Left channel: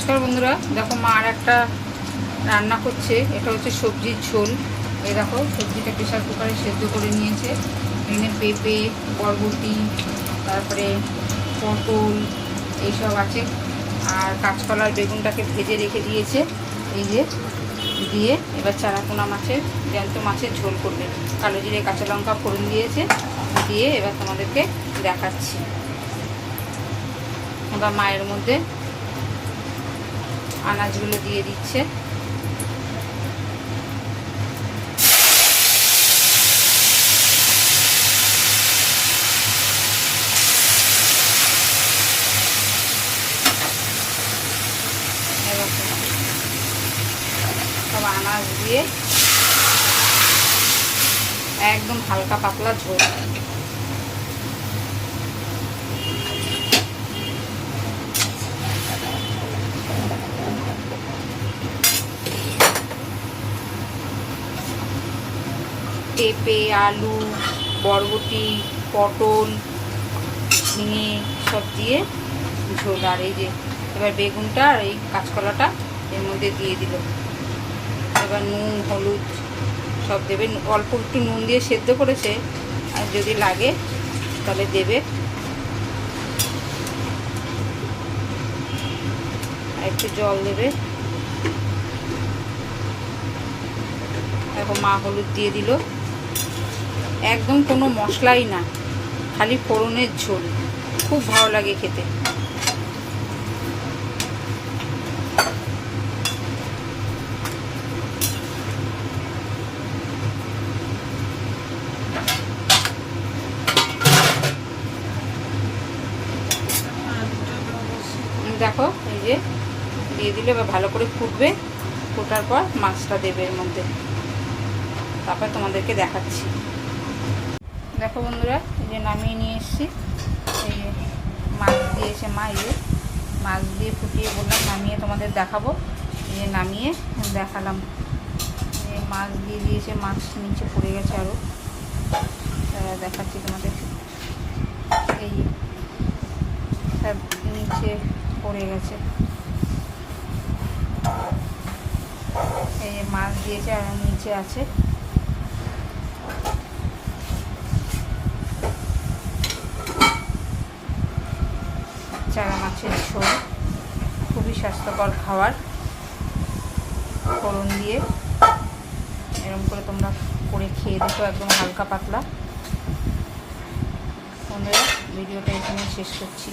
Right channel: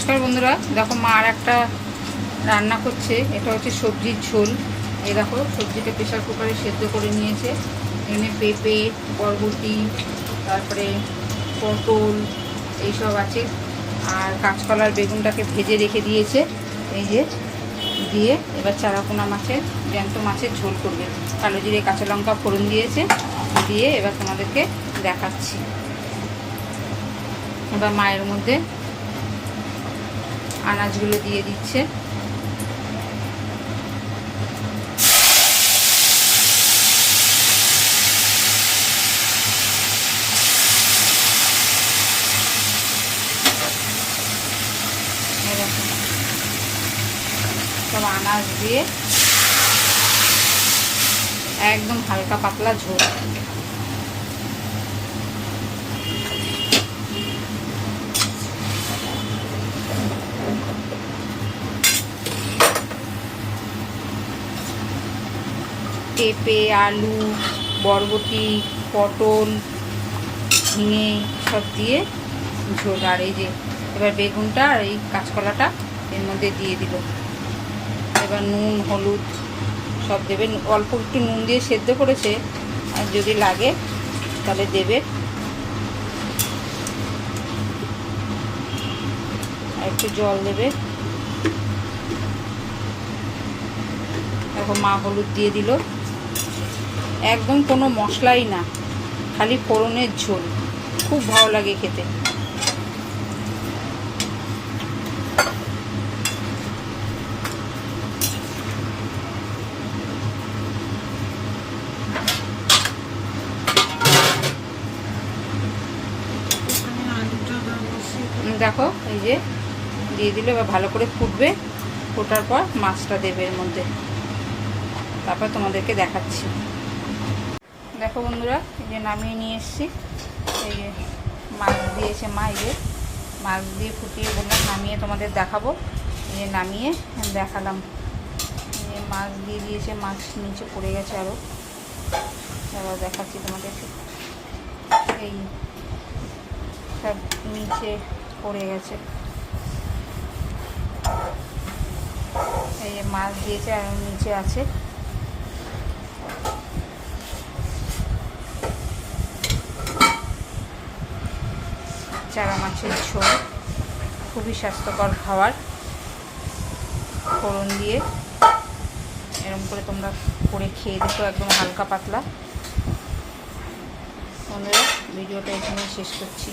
নমস্কার বন্ধুরা, দেখো মা আর একটা রান্না করছে। এটা হচ্ছে সবজির ঝোল। এই দেখো সবজিটা প্রেসার কুকারে সেদ্ধ করে নিয়েছে। এখানে পেঁপে, বরবটি, তারপরে পটল এইসব আছে। আর কাঁচকলার বেগুনটাকে ভেজে রেখে দিয়েছে। এই যে দিয়ে এবার চারাপোনা মাছের, জ্যান্ত মাছের ঝোল করবে। কালো জিরে কাঁচা লঙ্কা ফোড়ন দিয়েছে, দিয়ে এবার তোমাদেরকে দেখাচ্ছি। এবার মায়ের মধ্যে আনাজগুলো দিয়ে দিচ্ছে। সব আনাজ দিয়ে একদম হালকা পাতলা ঝোল। পেঁপে, আলু, বরবটি, পটল, ঝিঙে সব দিয়ে ঝোল। আর এই যে এবার বেগুনটা আর এই কাঁচকলাটা এর মধ্যে দিয়ে দিল। এবার নুন হলুদ সব দেবে। অল্প একটু নুন দিয়ে সেদ্ধ করেছে, আর যদি লাগে তাহলে দেবে। আর একটু জল দেবে। এখন মা হলুদ দিয়ে দিল। একদম কোনো মশলাই না, খালি ফোড়নের ঝোল। খুব ভালো লাগে খেতে। দেখো এই যে দিয়ে দিলে এবার ভালো করে ফুটবে। ফোটার পর মাছটা দেবে এর মধ্যে, তারপর তোমাদেরকে দেখাচ্ছি। দেখো বন্ধুরা, এই যে নামিয়ে নিয়ে এসেছি। এই যে মাছ দিয়েছে মা। এই যে মাছ দিয়ে ফুটিয়ে বললাম নামিয়ে তোমাদের দেখাবো। এই যে নামিয়ে দেখালাম। এই যে মাছ দিয়ে দিয়েছে, মাছ নিচে পড়ে গেছে আরও। এবার দেখাচ্ছি তোমাদেরকে। এই সব নিচে পড়ে গেছে। এই যে মাছ দিয়েছে আর নিচে আছে। চারা মাছের ঝোল খুবই স্বাস্থ্যকর খাবার। ফোড়ন দিয়ে এরকম করে তোমরা করে খেয়ে দেখো, একদম হালকা পাতলা। বন্ধুরা, ভিডিওটা এখানেই শেষ করছি।